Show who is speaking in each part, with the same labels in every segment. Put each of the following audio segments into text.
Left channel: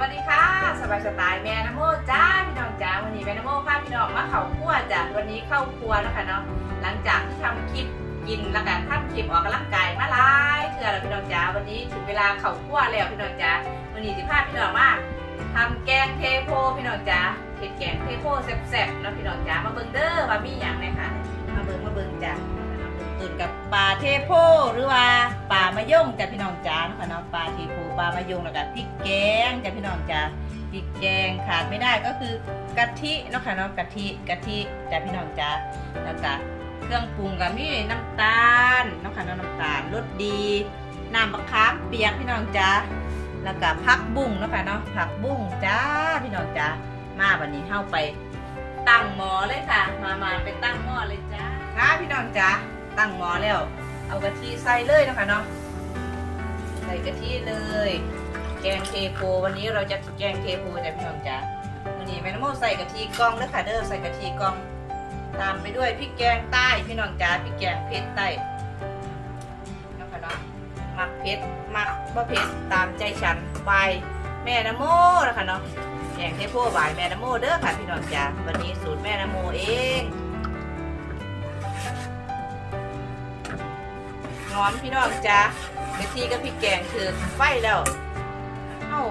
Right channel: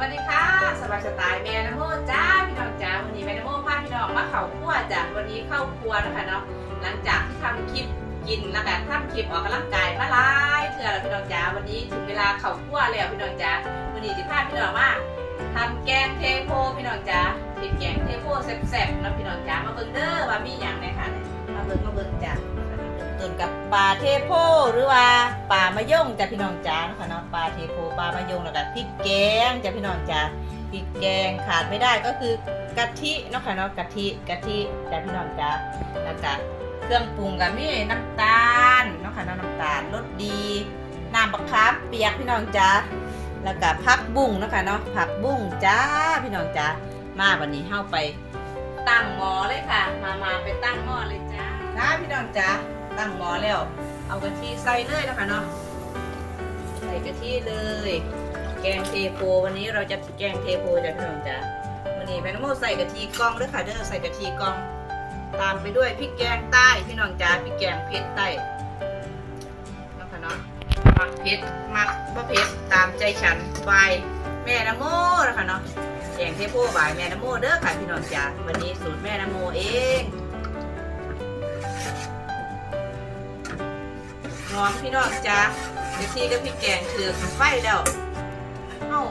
Speaker 1: วัสดีค่ะ สบายสไตล์แม่นโมจ้าพี่น้องจ้าวันนี้แม่นโมพาพี่น้องมาเข่าครัวจ้ะวันนี้เข้าครัวนะคะเนาะหลังจากที่ทำคลิปกินแล้วก็ทำคลิปออกกำลังกายมาหลายเถื่อแล้วพี่น้องจ้าวันนี้ถึงเวลาเข่าครัวแล้วพี่น้องจ้าวันนี้จะพาพี่น้องมาทำแกงเทโพพี่น้องจ้าเห็ดแกงเทโพแซ่บๆนะพี่น้องจ้ามาเบิ่งเด้อว่ามีอย่างไหนค่ะมาเบิ่งมาเบิ่งจ้า ตื่นกับปลาเทโพหรือว่าปลามะยงจ้ะพี่น้องจ้านะคะเนาะปลาเทโพปลามะยงแล้วก็พริกแกงจ้ะพี่น้องจ้าพริกแกงขาดไม่ได้ก็คือกะทิเนาะค่ะเนาะกะทิกะทิจ้ะพี่น้องจ้าแล้วก็เครื่องปรุงกับนี่น้ำตาลเนาะค่ะเนาะน้ำตาลรสดีน้ำมะขามเปียกพี่น้องจ้าแล้วก็ผักบุ้งเนาะค่ะเนาะผักบุ้งจ้าพี่น้องจ้ามาวันนี้เข้าไปตั้งหม้อเลยค่ะ มามาไปตั้งหม้อเลยจ้าค่ะพี่น้องจ้า ตั้งหม้อแล้ว เอากะทิใส่เลยนะคะเนาะใส่กะทิเลย แกงเทโพวันนี้เราจะแกงเทโพจ้ะพี่น้องจ้าวันนี้แม่น้ำโมใส่กะทิกองแล้วค่ะเด้อใส่กะทิกอง ตามไปด้วยพริกแกงใต้พี่น้องจ้าพริกแกงเผ็ดใต้นะคะเนาะมักเผ็ดมักบ่เผ็ดตามใจฉันไปแม่น้ำโมนะคะเนาะแกงเทโพบายแม่น้ำโมเด้อค่ะพี่น้องจ้าวันนี้สูตรแม่น้ำโมเอง อมพี่น้องจ้ากะทิกับพริกแกงคือไฟแล้วเอ้า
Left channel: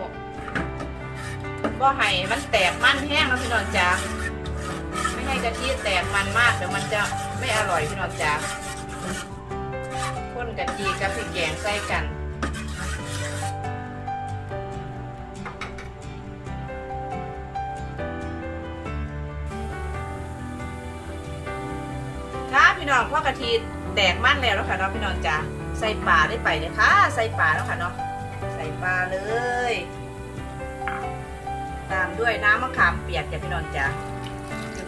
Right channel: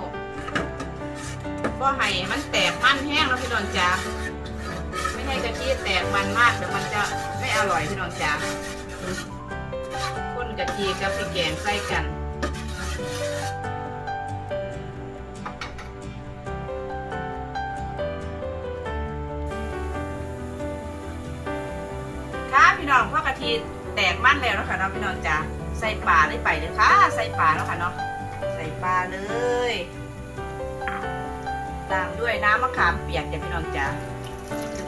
Speaker 1: ก็ให้มันแตกมันแห้งแล้วพี่น้องจ๋าไม่ให้กะทิแตกมันมากเดี๋ยวมันจะไม่อร่อยพี่น้องจ๋าข้นกะทิกับพริกแกงใส่กันค่ะพี่น้องพ่อกะทิ แตกมั่นแล้วนะคะเนาะพี่น้องจ๋าใส่ปลาได้ไปเลยค่ะใส่ปลาแล้วค่ะเนาะใส่ปลาเลย ตามด้วยน้ำมะขามเปียกจ้ะพี่น้องจ้า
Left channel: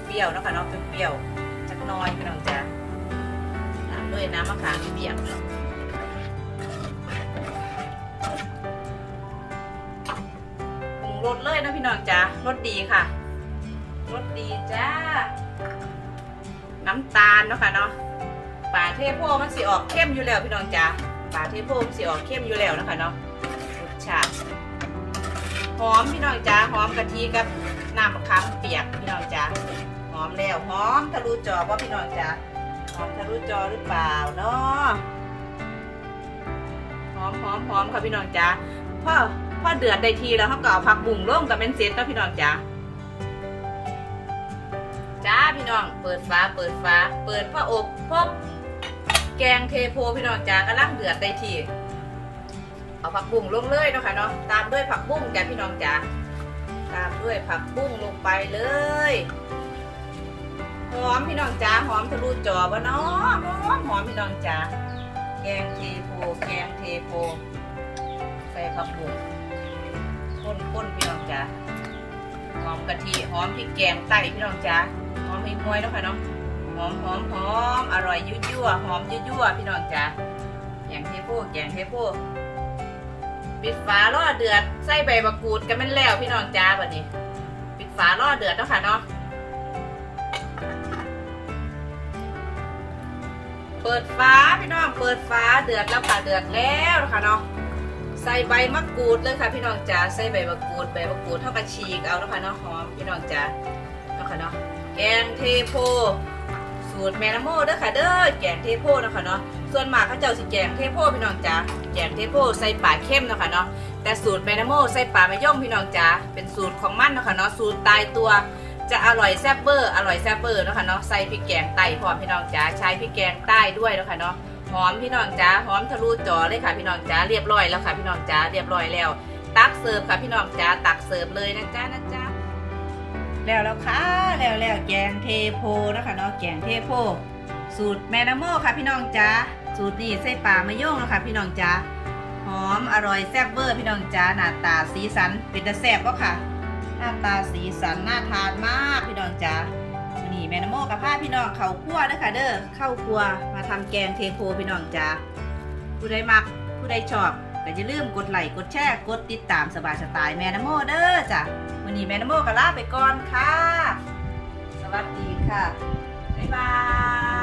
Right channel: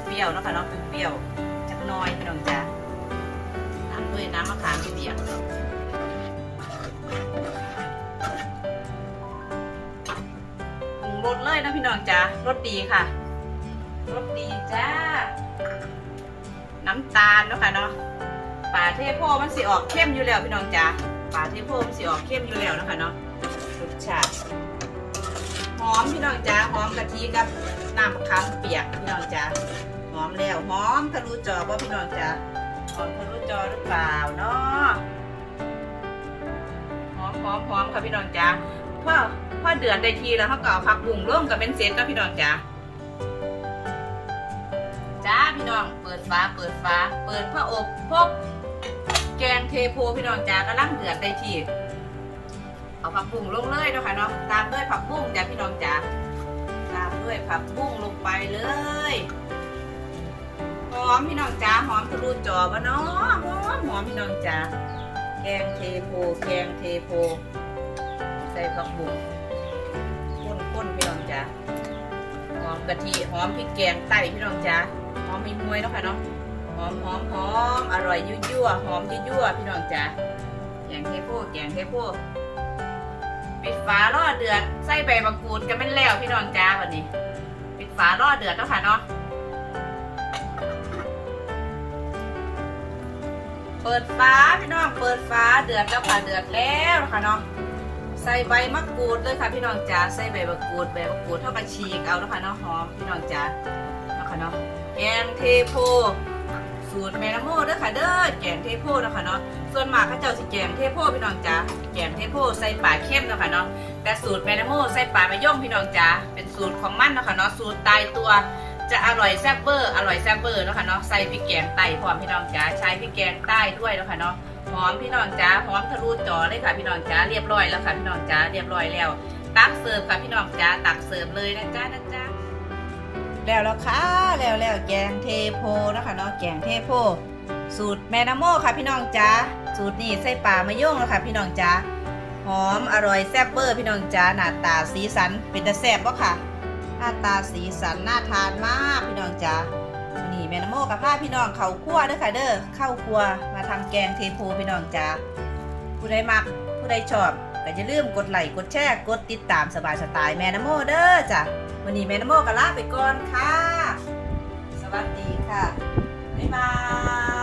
Speaker 1: เปรี้ยวๆเนาะค่ะน้องเปรี้ยวๆจักน้อยพี่น้องจ้าตามด้วยน้ำมะขามเปียกปรุงรสเลยนะพี่น้องจ้ารสดีค่ะรสดีจ้าน้ำตาลเนาะค่ะเนาะ เทโพมันสีออกเข้มอยู่แล้วพี่น้องจ้าปลาเทโพมันสีออกเข้มอยู่แล้วนะคะเนาะรสชาติหอมพี่น้องจ้าหอมกะทิกับน้ำมะขามเปียกพี่น้องจ้าหอมแล้วหอมทะลุจอว่าพี่น้องจ้าหอมทะลุจอหรือเปล่าเนาะหอมหอมหอมค่ะพี่น้องจ้าพอพอเดือดได้ทีแล้วเขาก็เอาผักบุ้งร่วมกับเป็นเซตกับพี่น้องจ้าจ้าพี่น้อง เปิดฟ้าเปิดฟ้า เปิดพระอบพบ แกงเทโพพี่น้องจ้ากำลังเดือดได้ทีเอาผักบุ้งลงเลยเนาะค่ะเนาะตามด้วยผักบุ้งจ้ะพี่น้องจ๋าตามด้วยผักบุ้งลงไปเลยหอมพี่น้องจ๋าหอมทะลุจอวะเนาะหอมหอมพี่น้องจ๋าแกงเทโพแกงเทโพใส่ผักบุ้งข้นข้นพี่น้องจ๋าหอมกะทิหอมพริกแกงไต้พี่น้องจ๋าหอมมีมวยเนาะค่ะเนาะ อมหอมหอมอร่อยยั่วยั่วหอมยั่วยั่วพี่น้องจ๋าแกงเทโพแกงเทโพปิดฝาล่อเดือดใส่ใบมะกรูดกันเป็นแล้วพี่น้องจ้าบัดนี้ ปิดฝาล่อเดือดเนาะค่ะเนาะเปิดฟ้าพี่น้องเปิดฟ้าเดือดแล้วค่ะเดือดแล้วนะคะเนาะใส่ใบมะกรูดเลยค่ะพี่น้องจ้าใส่ใบมะกรูดใบมะกรูดเท่ากับฉีกเอาเนาะค่ะเนาะหอมพี่น้องจ้าเนาะค่ะเนาะแกงเทโพ สูตรแมนโมเด้อค่ะเด้อแกงเทโพเนาะค่ะเนาะส่วนมากเขาเจ้าสิแกงเทโพพี่น้องจ้าแกงเทโพใส่ปลาเข้มเนาะค่ะเนาะแต่สูตรแมนโมใส่ปลาไม่ย่อมพี่น้องจ้าเป็นสูตรของมันเนาะค่ะเนาะสูตรตายตัวจะอร่อยแซ่บเบอร์อร่อยแซ่บเบอร์เนาะค่ะเนาะใส่พริกแกงไต้พร้อมพี่น้องจ้าใช้พริกแกงใต้ด้วยเนาะค่ะเนาะหอมพี่น้องจ้าหอมทะลุจอเลยค่ะพี่น้องจ้าเรียบร้อยแล้วค่ะพี่น้องจ้าเรียบร้อยแล้ว ตักเสิร์ฟค่ะพี่น้องจ้าตักเสิร์ฟเลยนะจ้านะจ้า แล้วแล้วค่ะแล้วแล้วแกงเทโพนะคะเนาะแกงเทโพ สูตรแม่น้ำโมค่ะพี่น้องจ้าสูตรนี้ใส่ปลามะย่งแล้วค่ะพี่น้องจ้าหอมอร่อยแซ่บเบอร์พี่น้องจ้าหน้าตาสีสันเป็นตาแซ่บปะค่ะ หน้าตาสีสันน่าทานมากพี่น้องจ้านี่แม่น้ำโมกับผ้าพี่น้องเขาคั่วเด้อค่ะเด้อเข้าครัวมาทำแกงเทโพพี่น้องจ้าผู้ใดมักผู้ใดชอบ ก็อย่าลืมกดไลค์กดแชร์กดติดตามสบายสไตล์แม่นโมเด้อจ้ะวันนี้แม่นโมก็ลาไปก่อนค่ะ สวัสดีค่ะ บ๊ายบาย